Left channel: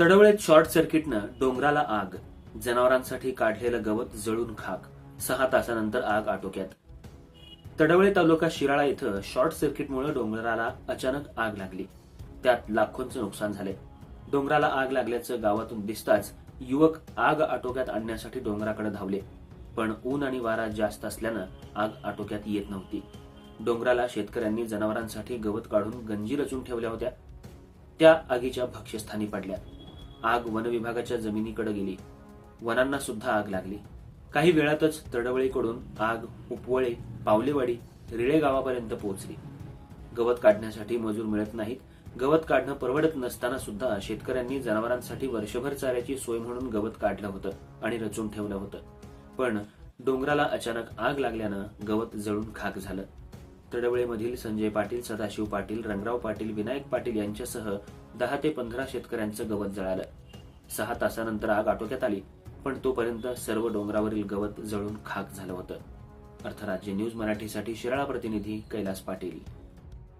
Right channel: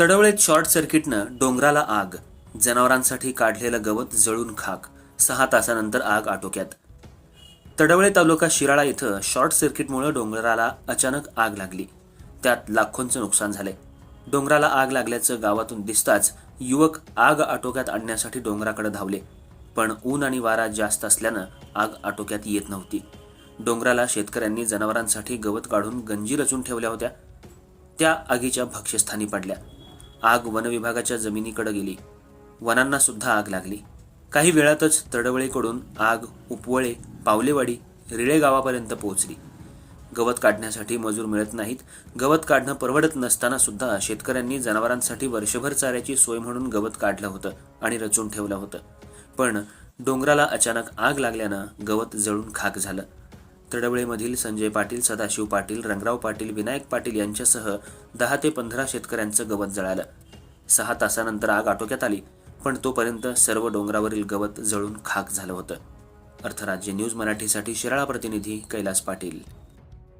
तडवळेत short सर्किटनं डोंगराला आग जनावरांसाठी काढलेलं गवत जळून खाक सहा तासानंतर आग आटोक्यात. तडवळे तालुका शिराळा इथं शॉर्ट सर्किटमुळे डोंगराला अचानक आग लागली. त्यात लाखोंचं नुकसान झाले डोंगराला आग लागल्याचं गावातून दिसताच युवक आग आटोक्यात आणण्यासाठी डोंगराकडे धावले. पण ऊन आणि वारा जास्त असल्यानं आग आटोक्यात येत नव्हती. डोंगराला शेतकऱ्यांनी जनावरांसाठी गवत काढून गंजी रचून ठेवल्या होत्या. त्या आगीच्या भक्ष्यस्थानी पडल्या. आग वनविभागाच्या जमिनीकडे गेली. वनांना सुद्धा आग लागली. काही वेळातच तडवळीकडून आग उपवळे पावलेवाडी रिळे गावापर्यंत पोहोचली. गवत काढण्यासाठी मजूर मिळत नाहीत. गवत काढणं परवडत नसताना सुद्धा शेतकऱ्यांनी जनावरांसाठी वर्षभर चाऱ्याची सोय म्हणून गवत काढलं होतं आणि रचून ठेवलं होतं. पण डोंगराला अचानक आग लागल्यानं गवत जळून खाक झालं. तडवळेमधील संजय पाटील सदाशिव पाटील रंगराव पाटील विनायक पाटील यांच्यासह दहा ते पंधरा शेतकऱ्यांचं गवत जळालं. सहा तासानंतर आग आटोक्यात आली पण तोपर्यंत सर्व डोंगरावरील गवत जळून खाक झालं होतं. अर्थराज्य न्यूज मराठीसाठी शिराळा प्रतिनिधी कैलास पाटील.